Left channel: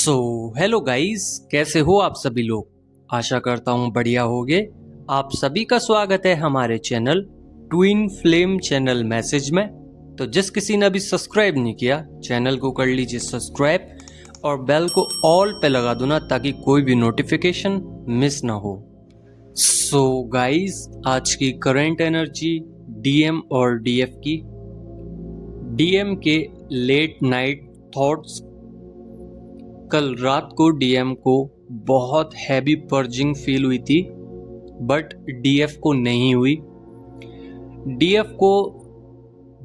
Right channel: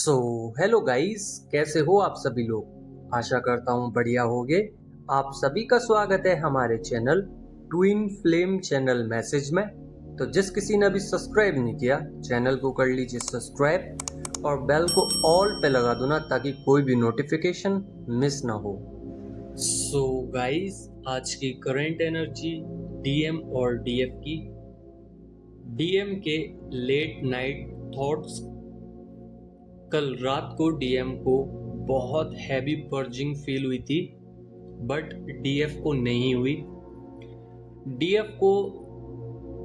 So hello guys, कैसे हो आप सभी लोग। आशा करता हूँ बढ़िया होगे। आप सभी का स्वागत है हमारे channel twin flame channel message में। तो जिस किसी ने अभी सब्सक्राइब नहीं किया चैनल को कर लीजिए सब्सक्राइब और बेल को ऑल पे लगा दो ना, ताकि कोई भी नोटिफिकेशन मिस ना हो। सो गाइस, आज की करंट एनर्जी डीएम और डीएफ की। डीएम के लेट नाइट थॉट्स। कल रात को डीएम को बहुत हैवी पर्जिंग फील हुई थी, बट डीएफ को नहीं हुई। डीएफ को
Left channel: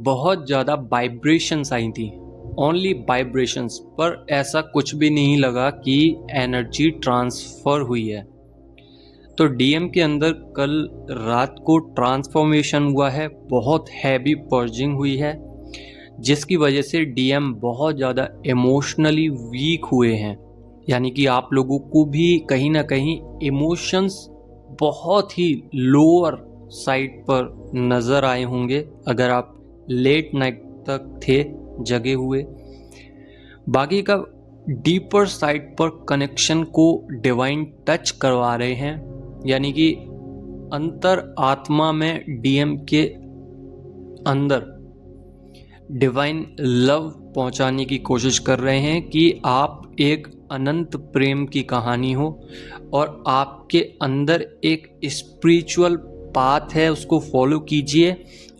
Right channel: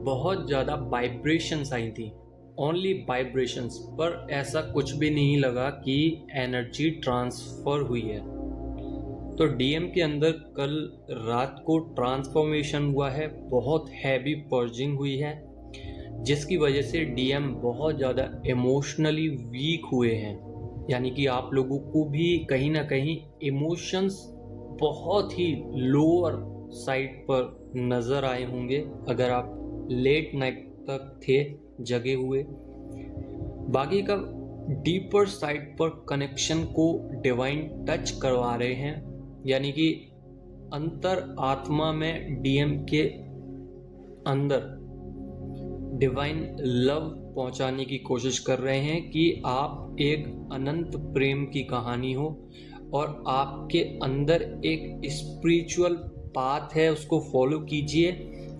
बहुत ज़्यादा वाइब्रेशंस आई थी, ओनली वाइब्रेशंस, पर ऐसा कुछ भी नहीं लगा कि एनर्जी ट्रांसफ़र हुई है। तो डीएम के अंदर कल रात को ट्रांसफॉर्मेशन हुआ है, बहुत हैवी पर्जिंग हुई है, जिसकी वजह से डीएम बहुत ज़्यादा इमोशनली वीक हुए हैं। यानी कि आप लोगों को भी कहीं ना कहीं इमोशंस बहुत ही लोअर साइड पर नज़र आए होंगे अगर आप लेट नाइट तक थे जगे हुए। बाकी का डीपर साइड पर कनेक्शन को डिवाइन टच करवा रहे हैं, यानी कि अंतर आत्मा में डीएम के अंदर डिवाइन लव पहुंचाने की कोशिश कर रहे हैं कि आप एक अनंत प्रेम की कहानी हो और आपके अंदर एक स्पिरिचुअल पाथ है, उसको फॉलो कीजिए।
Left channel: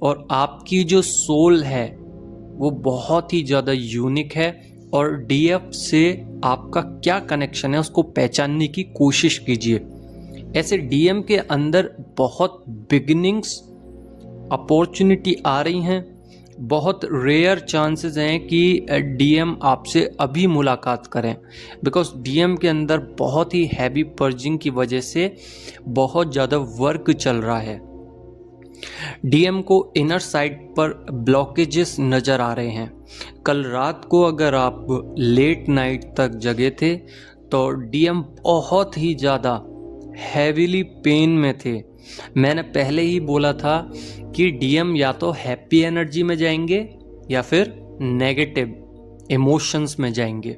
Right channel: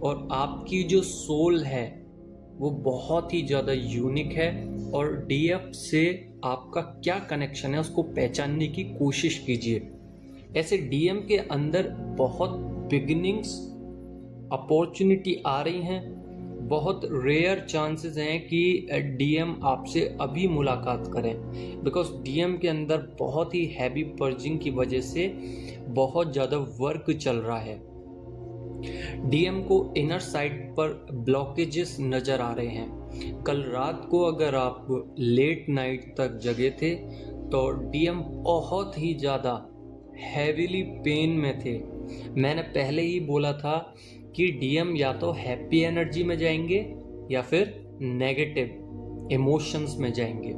और आपकी जो सोल है वो बहुत ही ज़्यादा यूनिक है, और डीएफ से आपका क्या कनेक्शन है उसको पहचानने की कोशिश कीजिए। ऐसे डीएम के अंदर बहुत बिगिनिंग्स अपॉर्चुनिटी आ रही हैं, बहुत रेयर चांसेस हैं कि डीएम आपसे अभी मुलाकात करें, बिकॉज डीएम के अंदर बहुत ही हैवी पर्जिंग की वजह से बहुत ज़्यादा वर्क चल रहा है। डीएम को इनर साइड पर ब्लॉकेजेस नज़र आ रहे हैं। कल रात को अगर आप लेट नाइट तक जगे थे तो डीएम बहुत ही ज़्यादा हैवीली पेन में थे। मैंने पहले ही बोला था कि डीएम या तो हैप्पी एनर्जी में जाएंगे या फिर नेगेटिव इमोशंस में जाएंगे।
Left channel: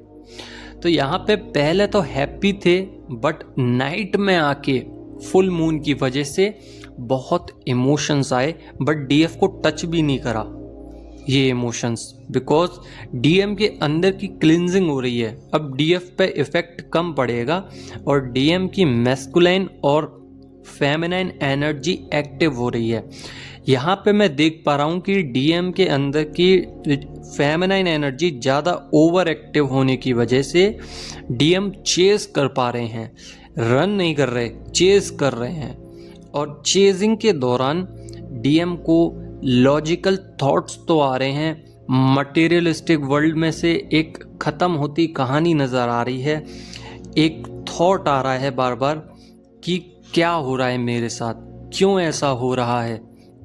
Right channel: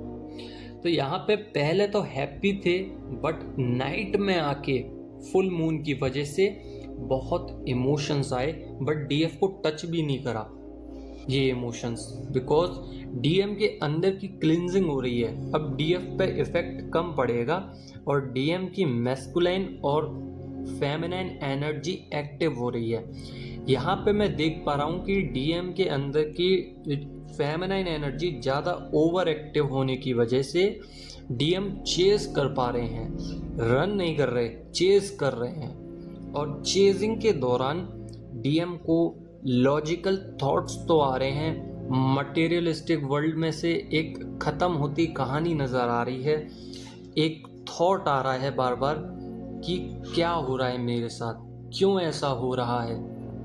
तो यहाँ पे पहले तो हैप्पी थे, बट नाइट में आके फुल मून की वजह से बहुत इमोशंस आए, बट डीएफ को टच भी नहीं करा ये इमोशंस, बिकॉज डीएम के अंदर की क्लिनजिंग हो रही है। अब डीएफ पे इफेक्ट कम पड़ेगा और डीएम की मैस्कुलाइन और फेमिनाइन एनर्जी एक्टिव हो रही है। यहाँ पे मैं देख पा रहा हूँ कि डीएम के अंदर की फेमिनाइन एनर्जी ज़्यादा ओवर एक्टिव होने की वजह से डीएम चेस कर पा रहे हैं, रन नहीं कर रहे, चेस कर रहे हैं। और चेजिंग के दौरान डीएम को लॉजिकल थॉट्स तो आ रहे हैं, मटेरियलिस्टिक वर्ल्ड में से एक ख़त्म होती कहानी नज़र आ रही है। एक थॉट आ रहा है बार बार कि क्या हो रहा है मेरे साथ, क्यों ऐसा हो रहा है।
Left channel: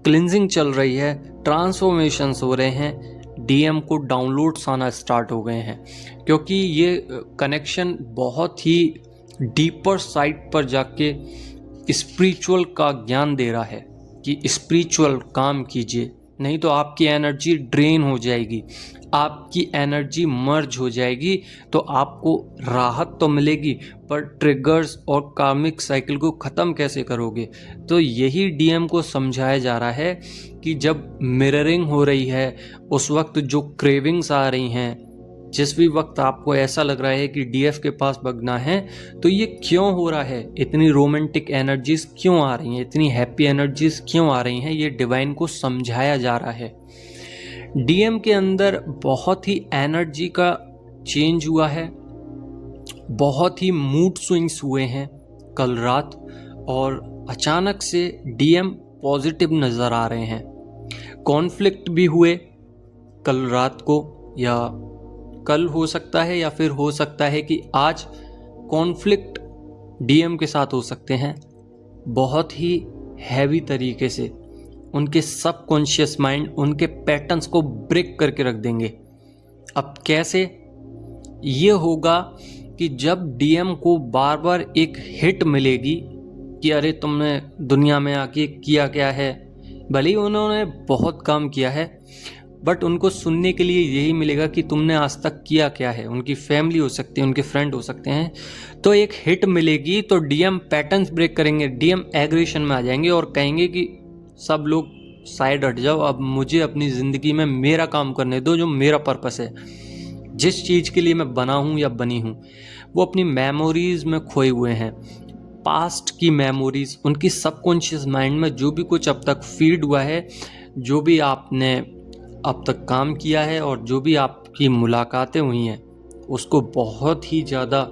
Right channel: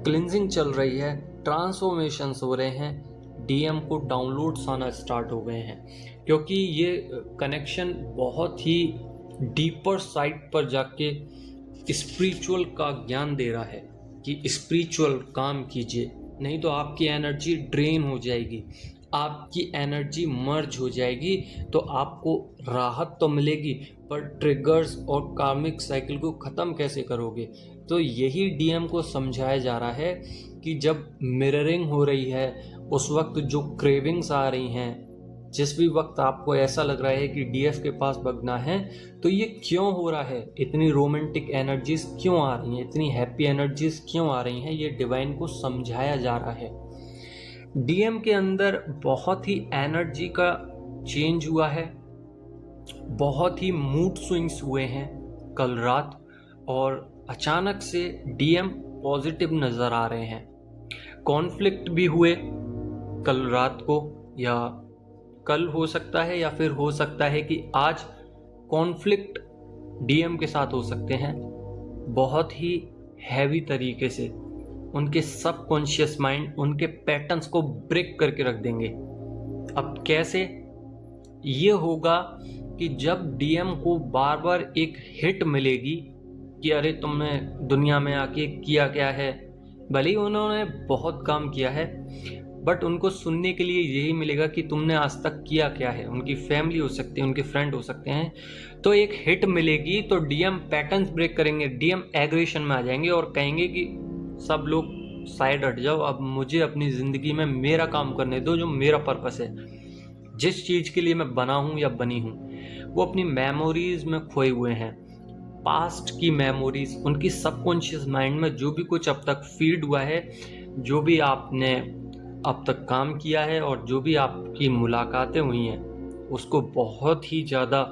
क्लिनजिंग चल रही है, ट्रांसफॉर्मेशंस हो रहे हैं, डीएम को डाउनलोड्स आना स्टार्ट हो गए हैं, क्योंकि ये कनेक्शन बहुत ही डीपर साइड पर जाके स्पिरिचुअल का ज्ञान दे रहा है कि स्पिरिचुअल काम कीजिए, नहीं तो आपकी एनर्जी ड्रेन हो जाएगी, आपकी एनर्जी मर्ज हो जाएगी। तो आपको राहत तो मिलेगी, पर ट्रिगर्स और कार्मिक साइकिल को ख़त्म कैसे करोगे। तो यही डीएम को समझाया जा रहा है कि जब मिररिंग हो रही है उस वक्त जो क्रेविंग्स आ रही हैं, जिस भी वक्त आपको ऐसा लग रहा है कि डीएफ के पास भगना है, तो ये क्यों हो रहा है, इतनी रोमांटिक एनर्जीज क्यों आ रही हैं, इतनी हैप्पी एनर्जीज क्यों आ रही हैं, ये डिवाइन को समझाया जा रहा है। डीएम के अंदर बहुत ही एनर्जी का चेंज हुआ है, बहुत ही मूड स्विंग्स हुए हैं कल रात, और अचानक से डीएम पॉजिटिव नज़र आ रहे हैं। कॉन्फ्लिक्ट भी हुए कल रात को, या कल हो सकता है, या फिर हो सकता है कि आज कॉन्फ्लिक्ट डीएम के साथ हो सकते हैं, बहुत ही हैवी तरीके से। उनके सबकॉन्शियस माइंड उनके पैटर्न्स को ब्रेक करके रख देंगे। अब कैसे ये होगा कि जब डीएम को बार बार एक हिट मिलेगी कि अरे तुमने दुनिया में आके किया क्या है, भले ही उन्होंने बहुत काम किया है, बट उनको सुनने के लिए यही मिलेगा कि तुमने आज तक किया क्या है। उनकी फैमिली हो सकती है, उनके फ्रेंड हो सकते हैं, तो एक हिट मिलेगी तो डीएम पैटर्न्स ब्रेक करेंगे, डीएम एग्रेशन में आ जाएंगे और कहेंगे कि सब लोग साइड हट जाओ, अब मुझे अपनी ज़िंदगी में मेरा काम करने दो, जो मेरा पर्पस है, जिस चीज़ के लिए मैं बना हूँ या बनी हूँ। वो अपनी मेमोरीज में खोए हुए हैं, पास्ट की मेमोरीज, उनकी सबकॉन्शियस माइंड में जो भी कुछ अब तक फीड हुआ है, जो भी आपने अब तक काम किया है और जो भी आपकी मुलाकातें हुई हैं, उसको बहुत ही ज़्यादा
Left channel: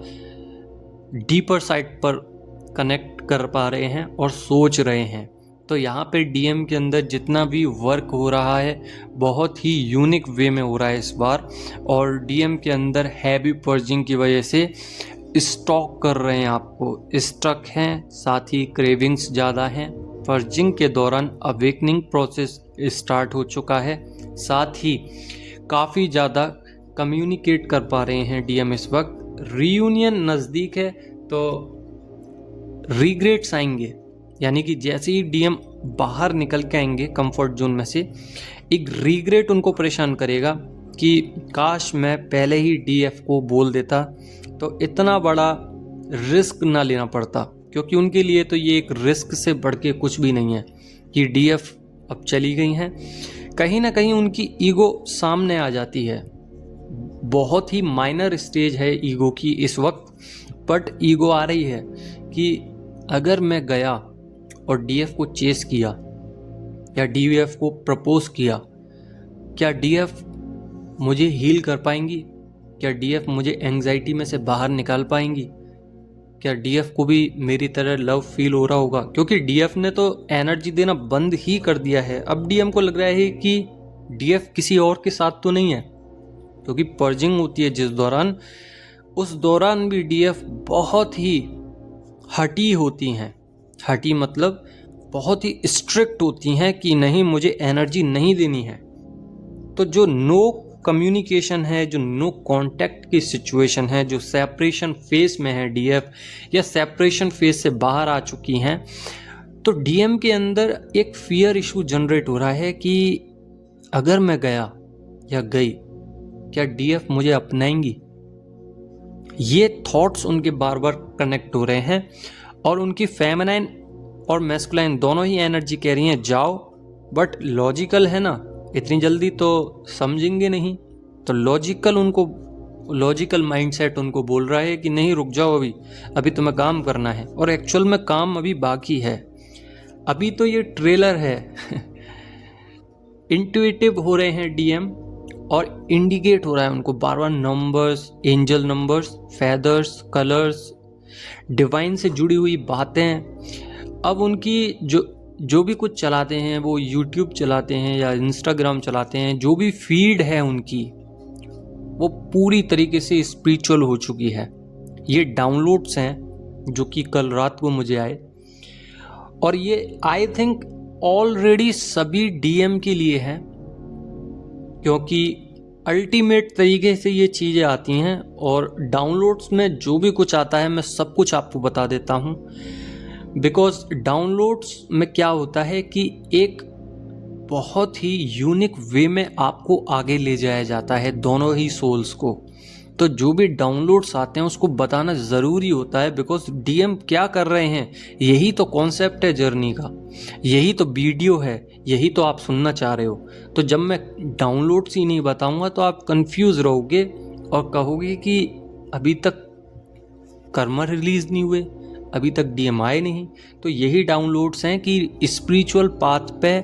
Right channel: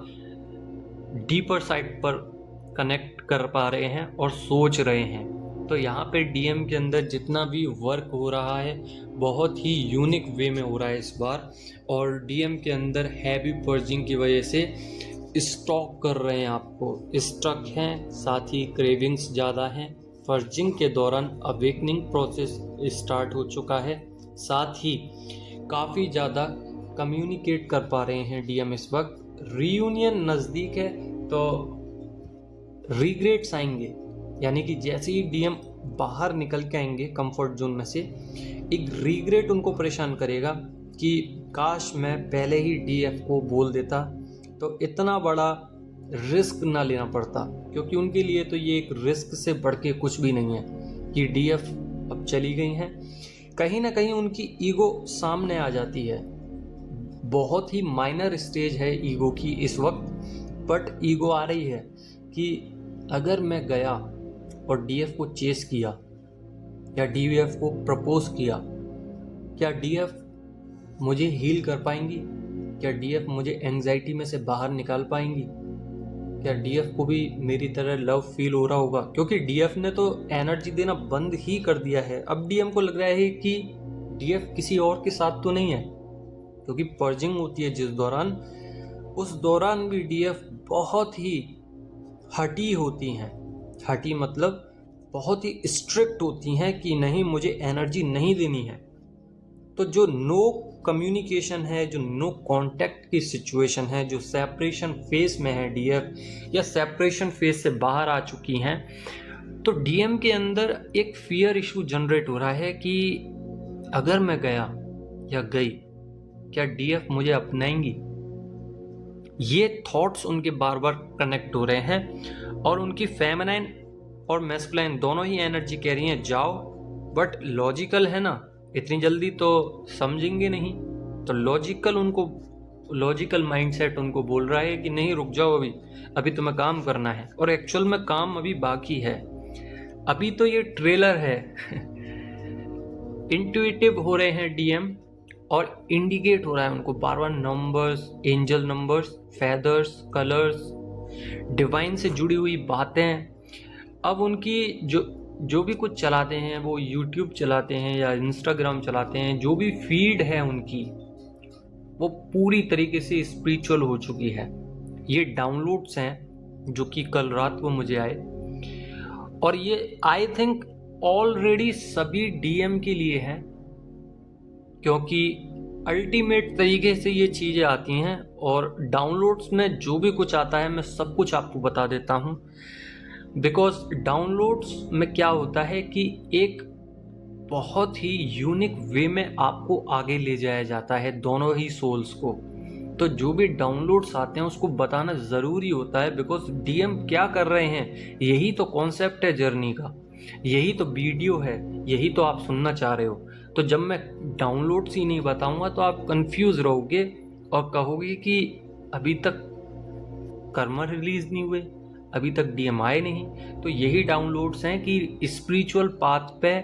डीपर साइड पर कनेक्ट कर पा रहे हैं और सोच रहे हैं। तो यहाँ पे डीएम के अंदर जितना भी वर्क हो रहा है बहुत ही यूनिक वे में हो रहा है इस बार, और डीएम के अंदर हैवी पर्जिंग की वजह से स्टॉक कर रहे हैं, आपको स्ट्रक हैं, साथ ही क्रेविंग्स ज़्यादा हैं। पर्जिंग के दौरान अवेकनिंग प्रोसेस स्टार्ट हो चुका है, साथ ही काफ़ी ज़्यादा कम्युनिकेट कर पा रहे हैं डीएम इस वक्त। रीयूनियन नज़दीक है तो रिग्रेट्स आएंगे, यानी कि जैसे ही डीएम बाहर निकल के आएंगे कंफर्ट जोन में से, एक रिग्रेट उनको परेशान करेगा कि काश मैं पहले ही डीएफ को बोल देता तो इतना बड़ा रिस्क ना लेना पड़ता, क्योंकि उनके लिए तो ये एक रिस्क से बढ़ के कुछ भी नहीं है कि डीएफ अब चली गई हैं। कहीं ना कहीं उनकी ईगो सामने आ जाती है, बहुत ही माइनर स्टेज है ईगो की इस वक्त, बट ईगो आ रही है कि अगर मैं गया और डीएफ को चेस किया या डीएफ को प्रपोज किया, क्या डीएफ मुझे हील कर पाएंगी? क्या डीएफ मुझे एंग्जाइटी में से बाहर निकाल पाएंगी? क्या डीएफ को भी मेरी तरह लव फील हो रहा होगा? क्योंकि डीएफ ने तो एनर्जी देना बंद ही कर दिया है। अब डीएम को लग रहा है कि डीएफ किसी और के साथ तो नहीं है, क्योंकि पर्जिंग होती है जिस दौरान, उस दौरान भी डीएफ बहुत ही हटी होती हैं। हटी मतलब बहुत ही स्ट्रिक्ट होती हैं कि नहीं, मुझे एनर्जी नहीं देनी है। तो जो नो कम्युनिकेशन है, जो नो कांटेक्ट की सिचुएशन है, जो सेपरेशन फेस में है डीएफ, या सेपरेशन फेस से बाहर आ चुकी हैं, तो डीएम के अंदर एक फियर इशू जनरेट हो रहा है कि अगर मैं गया या गई, क्या डीएफ मुझे अपनाएंगी? ये थॉट्स उनके बार बार कनेक्ट हो रहे हैं, और उनकी फेमिनाइन और मैस्कुलाइन दोनों ही एनर्जी कह रही हैं जाओ, बट लॉजिकल है ना, इतनी जल्दी तो समझेंगे नहीं। तो लॉजिकल माइंडसेट उनको बोल रहा है कि नहीं, रुक जाओ, अभी तुम्हें काम करना है, और एक्चुअल में काम अभी बाकी है। अभी तो ये ट्रेलर है। इंट्यूटिव हो रहे हैं डीएम, और इंडिकेट हो रहा है उनको बार बार numbers, angel numbers, feathers, colours, divine से जुड़ी हुई बातें। अब उनकी जो भी कुछ चलाते हैं, वो यूट्यूब चलाते हैं या इंस्टाग्राम चलाते हैं, जो भी फीड है उनकी, वो पूरी तरीके से स्पिरिचुअल हो चुकी है। ये डाउनलोड्स हैं जो कि कल रात को मुझे आए, और ये आई थिंक ऑलरेडी सभी डीएम के लिए हैं, क्योंकि अल्टीमेट तरीके से ये चीज़ें आती हैं। और डाउनलोड्स में जो भी कुछ आता है मैं सब कुछ आपको बता देता हूँ, बिकॉज डाउनलोड्स में क्या होता है कि एक बहुत ही यूनिक वे में आपको आगे ले जाया जाता है, दोनों ही सोल्स को। तो जो भी डाउनलोड्स आते हैं उसको बताना ज़रूरी होता है, बिकॉज डीएम क्या कर रहे हैं, यही तो कॉन्सेप्ट है जर्नी का, यही तो वीडियो है, यही तो आप सुनना चाह रहे हो। तो जब मैं डाउनलोड्स ही नहीं बताऊंगा तो आप कंफ्यूज रहोगे और कहोगे कि अभी तक कर्मा रिलीज नहीं हुए, अभी तक डीएम आए नहीं। तो यही डाउनलोड्स हैं कि स्पिरिचुअल पाथ पे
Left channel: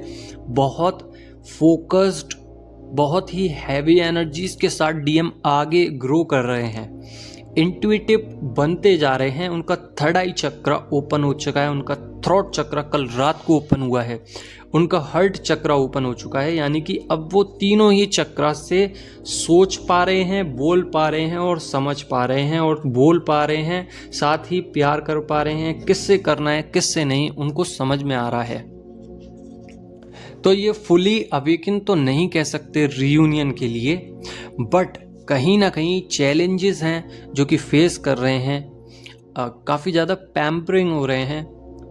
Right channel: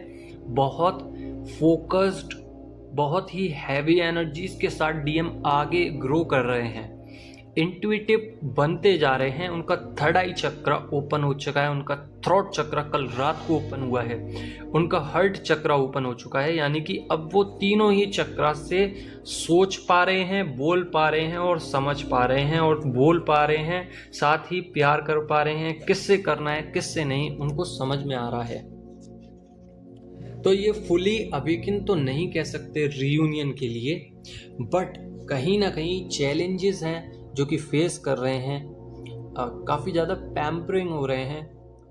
बहुत फोकस्ड, बहुत ही हैवी एनर्जीज के साथ डीएम आगे ग्रो कर रहे हैं, इंट्यूटिव बनते जा रहे हैं। उनका थर्ड आई चक्र ओपन हो चुका है, उनका थ्रोट चक्र कल रात को ओपन हुआ है, उनका हार्ट चक्र ओपन हो चुका है, यानी कि अब वो तीनों ही चक्र से सोच पा रहे हैं, बोल पा रहे हैं और समझ पा रहे हैं और बोल पा रहे हैं, साथ ही प्यार कर पा रहे हैं। किससे करना है किससे नहीं उनको समझ में आ रहा है। तो ये फुली अवेकन तो नहीं कह सकते रीयूनियन के लिए, बट कहीं ना कहीं चैलेंजेस हैं जो कि फेस कर रहे हैं, काफ़ी ज़्यादा पैम्परिंग हो रहे हैं,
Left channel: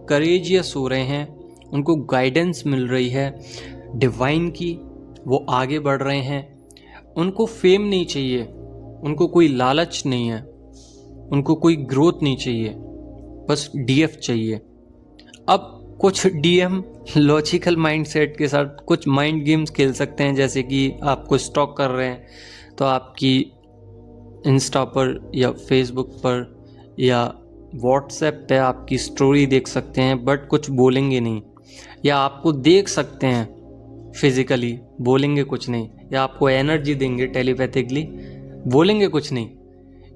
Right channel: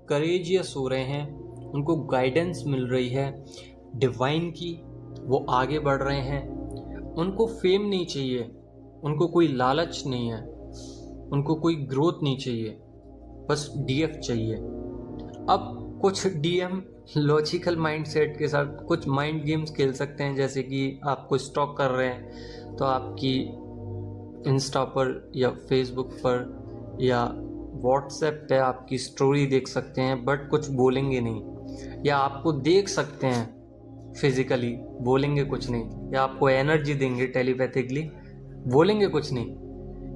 करेजियस हो रहे हैं, उनको गाइडेंस मिल रही है डिवाइन की, वो आगे बढ़ रहे हैं, उनको फेम नहीं चाहिए, उनको कोई लालच नहीं है, उनको कोई ग्रोथ नहीं चाहिए, बस डीएफ चाहिए। अब कुछ डीएम लॉजिकल माइंडसेट के साथ कुछ माइंड गेम्स खेल सकते हैं, जैसे कि आपको स्टॉक कर रहे हैं तो आपकी इंस्टा पर या फेसबुक पर या व्हाट्सएप पे आपकी स्टोरी देख सकते हैं बट कुछ बोलेंगे नहीं, या आपको देख सकते हैं फिजिकली, बोलेंगे कुछ नहीं, या आपको एनर्जी देंगे टेलीपैथिकली, बोलेंगे कुछ नहीं,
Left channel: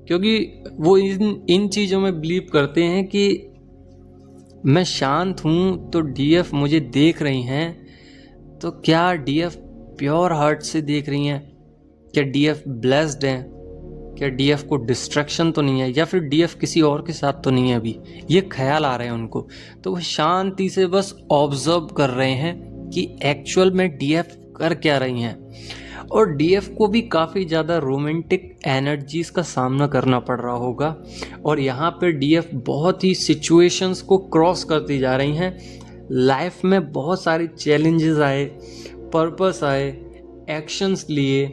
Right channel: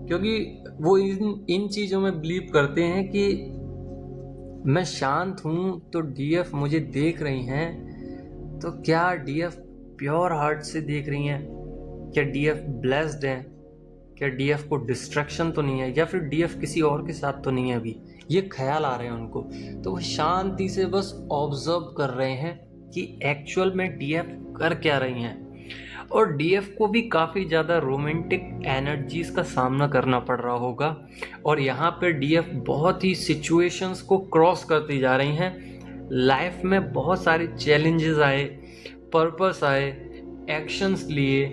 क्योंकि वो इन चीज़ों में बिलीव करते हैं कि मैं शांत हूँ तो डीएफ मुझे देख रही हैं, तो क्या डीएफ प्योर हार्ट से देख रही हैं, क्या डीएफ ब्लेस्ड हैं, क्या डीएफ को डिस्ट्रैक्शन तो नहीं है, या फिर डीएफ किसी और के साथ तो नहीं है, अभी ये ख्याल आ रहे हैं उनको। तो वो शांति से बस ऑब्जर्व कर रहे हैं कि एक्चुअल में डीएफ कर क्या रही हैं। और डीएफ को भी काफ़ी ज़्यादा रोमांटिक एनर्जीज का सामना करना पड़ रहा होगा, और यहाँ पर डीएफ बहुत ही सिचुएशंस को क्रॉस करती जा रही हैं। लाइफ में बहुत सारे चैलेंजेस आए, पर्पस आए, एक्शंस लिए,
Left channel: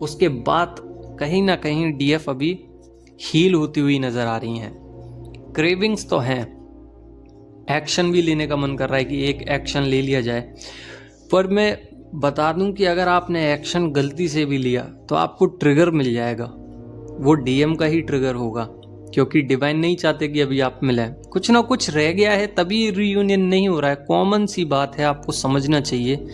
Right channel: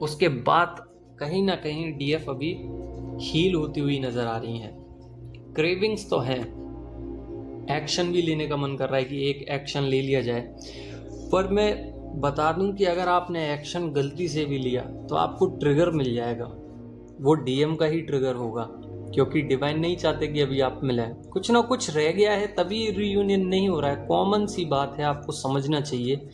उसके बाद कहीं ना कहीं डीएफ अभी हील होती हुई नज़र आ रही हैं। क्रेविंग्स तो हैं, एक्शन भी लेने का मन कर रहा है कि एक एक्शन ले लिया जाए, पर मैं बता दूं कि अगर आपने एक्शन गलती से भी लिया तो आपको ट्रिगर मिल जाएगा, वो डीएम का ही ट्रिगर होगा, क्योंकि डिवाइन नहीं चाहते कि अभी आप मिलें। कुछ ना कुछ रह गया है तभी रीयूनियन नहीं हो रहा है। कॉमन सी बात है, आपको समझना चाहिए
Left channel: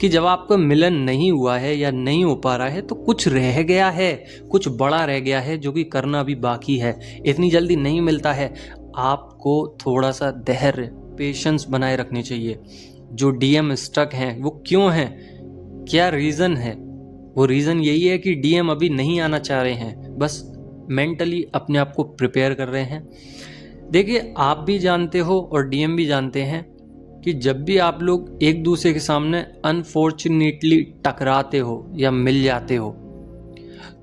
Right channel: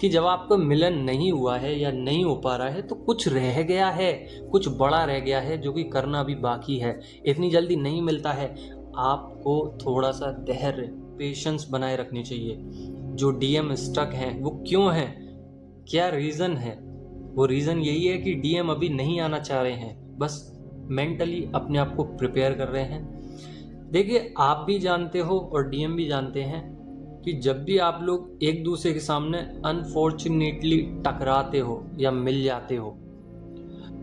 कि जब आपका मिलन नहीं हुआ है या नहीं हो पा रहा है तो कुछ रह गया है, कुछ बड़ा रह गया है जो कि करना अभी बाकी है। इतनी जल्दी नहीं मिलता है, आपको थोड़ा सा धैर्य, पेशेंस बनाए रखनी चाहिए। जो डीएम स्टक हैं वो क्यों हैं, क्या रीज़न है? वो रीज़न यही है कि डीएम अभी नहीं आना चाह रहे हैं, बस मेंटली अपने आप को प्रिपेयर कर रहे हैं। देखिए, आप भी जानते हो और डीएम भी जानते हैं कि जब भी आप लोग एक दूसरे के सामने अनफॉर्चुनेटली टकराते हो या मिल जाते हो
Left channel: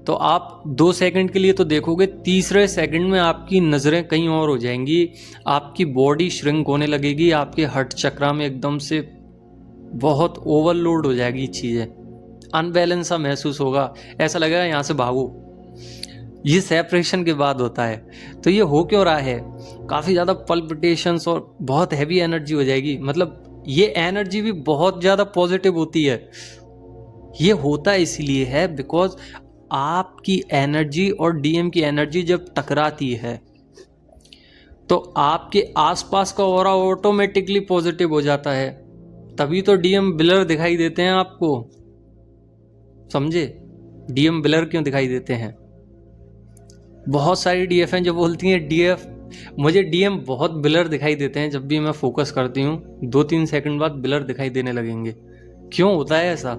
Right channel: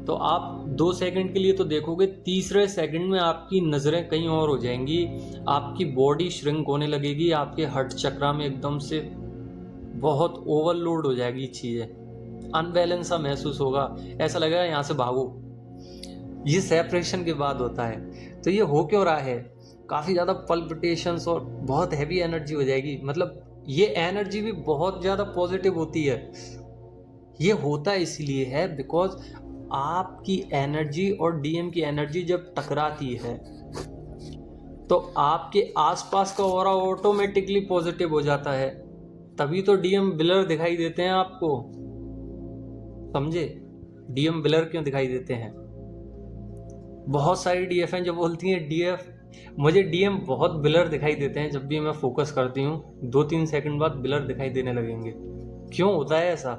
तो आप 2 सेकंड के लिए तो देखोगे, तीसरे सेकंड में आपकी नज़रें कहीं और हो जाएंगी, आपकी बॉडी श्रिंक होने लगेगी, आपके हर्ट चक्रा में एकदम से बहुत ओवरलोड हो जाएगी चीज़ें, अनबैलेंस सा महसूस होगा, ऐसा लगेगा यहाँ से भागो। ये सेपरेशन के बाद होता है। तो ये हो क्यों रहा है? काफ़ी ज़्यादा पल्पिटेशंस और बहुत हैवी एनर्जी हो जाएगी। मतलब ये एनर्जी भी बहुत ज़्यादा पॉजिटिव होती है। ये होता इसीलिए है बिकॉज आपकी एनर्जी और डीएम की एनर्जी जब टकराती है तो आपके आसपास का ऑरा ऑटोमेटिकली पॉजिटिव हो जाता है। तभी तो डीएम ब्लर दिखाई देते हैं आपको, समझे? डीएम ब्लर क्यों दिखाई देते हैं? बहुत सारी डीएफ हैं जो बोलती हैं डीएफ, मुझे डीएम बहुत ब्लर दिखाई देते हैं। जब भी मैं फोकस करती हूँ 2-3 सेकंड बाद ब्लर दिखाई देने लगेंगे। क्यों होता है ऐसा?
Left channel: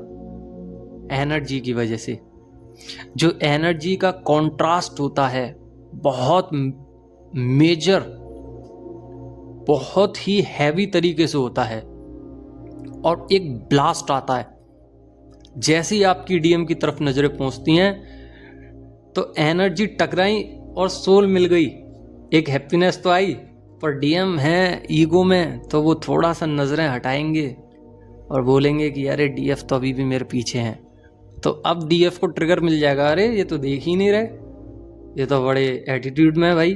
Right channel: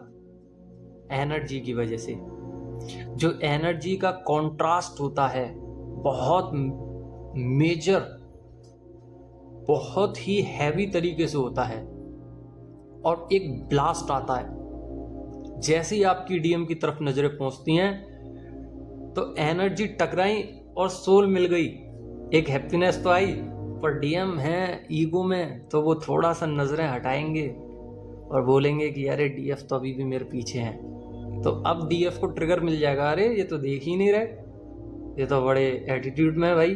एनर्जी की वजह से। जो एनर्जी का कॉन्ट्रास्ट होता है बहुत मेजर, बहुत ही हैवी तरीके से होता है और एक ब्लास्ट आता है। जैसे ही आपकी डीएम की तरफ नजरें पहुंचती हैं तो एनर्जी टकराई और सोल मिल गई, एक हैप्पीनेस तो आई, पर डीएम है ईगो में तो वो थोड़ा सा नजरें हटाएंगे और बोलेंगे कि अरे डीएफ तो अभी भी मेरे पीछे हैं। तो अब डीएफ को ट्रिगर मिल जाएगा, अरे ये तो देख ही नहीं रहे, ये तो बड़े एटीट्यूड में है भाई।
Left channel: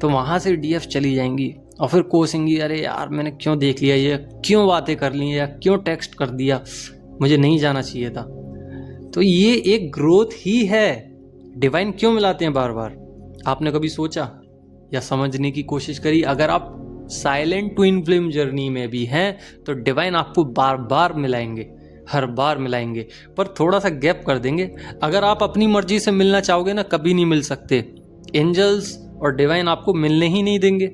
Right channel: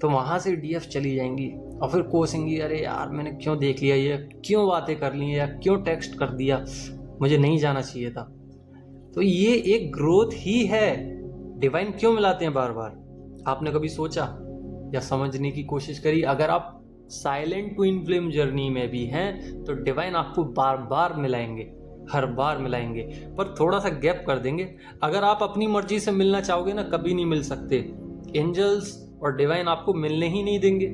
तो वहाँ से डीएफ चली जाएंगी और फिर कोसेंगी, अरे यार मैंने क्यों देख लिया, ये क्यों बातें कर ली या क्यों टेक्स्ट कर दिया, मुझे नहीं जाना चाहिए था। तो ये एक ग्रोथ ही है। डिवाइन क्यों मिलाते हैं बार बार? आपने कभी सोचा या समझने की कोशिश करी? अगर आप साइलेंट ट्विन फ्लेम जर्नी में भी हैं तो डिवाइन आपको बार बार मिलाएंगे, हर बार मिलाएंगे, पर थोड़ा सा गैप कर देंगे। अगर आप अपनी मर्जी से मिलना चाहोगे ना, कभी नहीं मिल सकते। एंजल्स और डिवाइन आपको मिलने ही नहीं देंगे।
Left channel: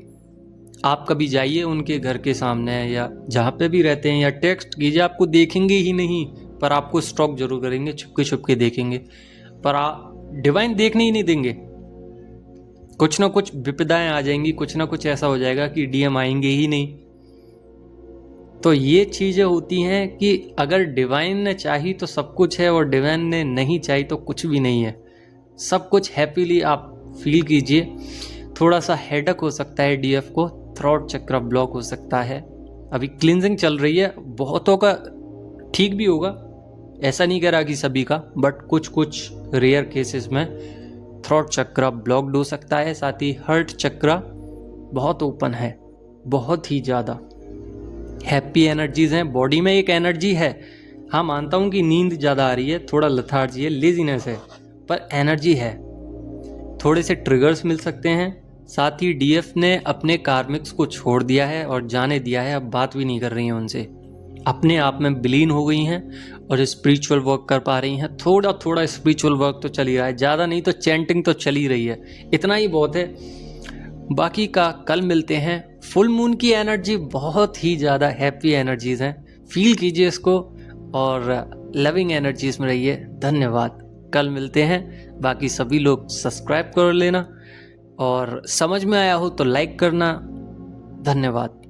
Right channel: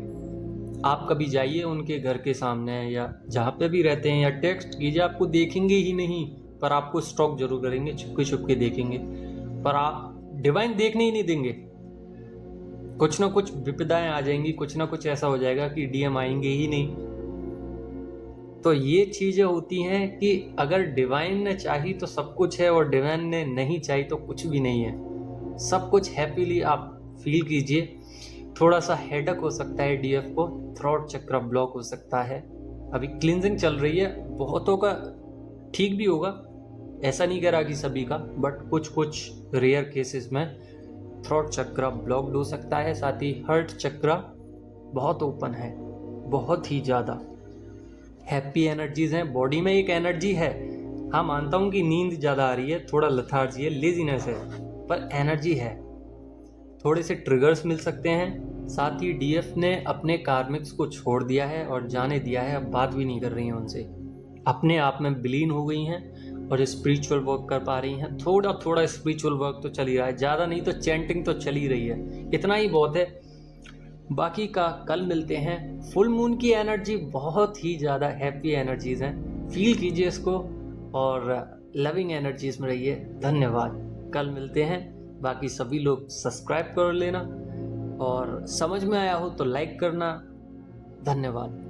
आप कभी जाइए उनके घर के सामने या जहाँ पे भी रहते हैं या टेक्स्ट कीजिए, आपको देखेंगे ही नहीं, पर आपको स्टॉक जरूर करेंगे, छुपके छुपके देखेंगे, पर आप डिवाइन देखने ही नहीं देंगे। कुछ ना कुछ विपदाएं आ जाएंगी, कुछ ना कुछ ऐसा हो जाएगा कि डीएम आएंगे ही नहीं। तो ये चीजें होती हैं कि अगर डिवाइन ने चाही तो सब कुछ है और डिवाइन ने नहीं चाही तो कुछ भी नहीं है। सब कुछ हैप्पीली आप फील कीजिए। थोड़ा सा हेडक हो सकता है डीएफ को, थ्रोट चक्र ब्लॉक हो सकता है, अभी क्लिनजिंग चल रही है, बहुतों का ठीक भी होगा, ऐसा नहीं कह रहा कि सभी का, बट कुछ कुछ रेयर केसेस में थ्रोट चक्रा ब्लॉक्ड हो सकता है। साथ ही हार्ट चक्रा बहुत ओपन है, बहुत ही ज़्यादा हैप्पी एनर्जीज हैं। बॉडी में एक एनर्जी है, हाँ मानता हूँ कि नींद ज़्यादा आ रही है, थोड़ा लथार्जी है, लेजीनेस है, पर एनर्जी है। थोड़े से ट्रिगर्स मिल सकते हैं। साथ ही डीएफ ने अपने कार्मिक्स को छोड़ दिया है और जाने दिया है, अब बात भी नहीं कर रही हैं उनसे, अपने आप में विलीन हो गई हैं और स्पिरिचुअल वर्क कर पा रही हैं। थोड़ा थोड़ा स्पिरिचुअल वर्क तो चल ही रहा है, ज़्यादा नहीं तो चैंटिंग तो चल ही रही है, इतना ही बहुत है। बाकी का कल मिलते हैं। फुल मून की एनर्जी बहुत ही ज़्यादा हैप्पी एनर्जीज हैं, फील कीजिए इसको और लविंग एनर्जीज में रहिए। धन्यवाद, कल मिलते हैं। बाकी सभी लोग सब्सक्राइब कर लेना और समझ में आया हो तो लाइक करना। धन्यवाद।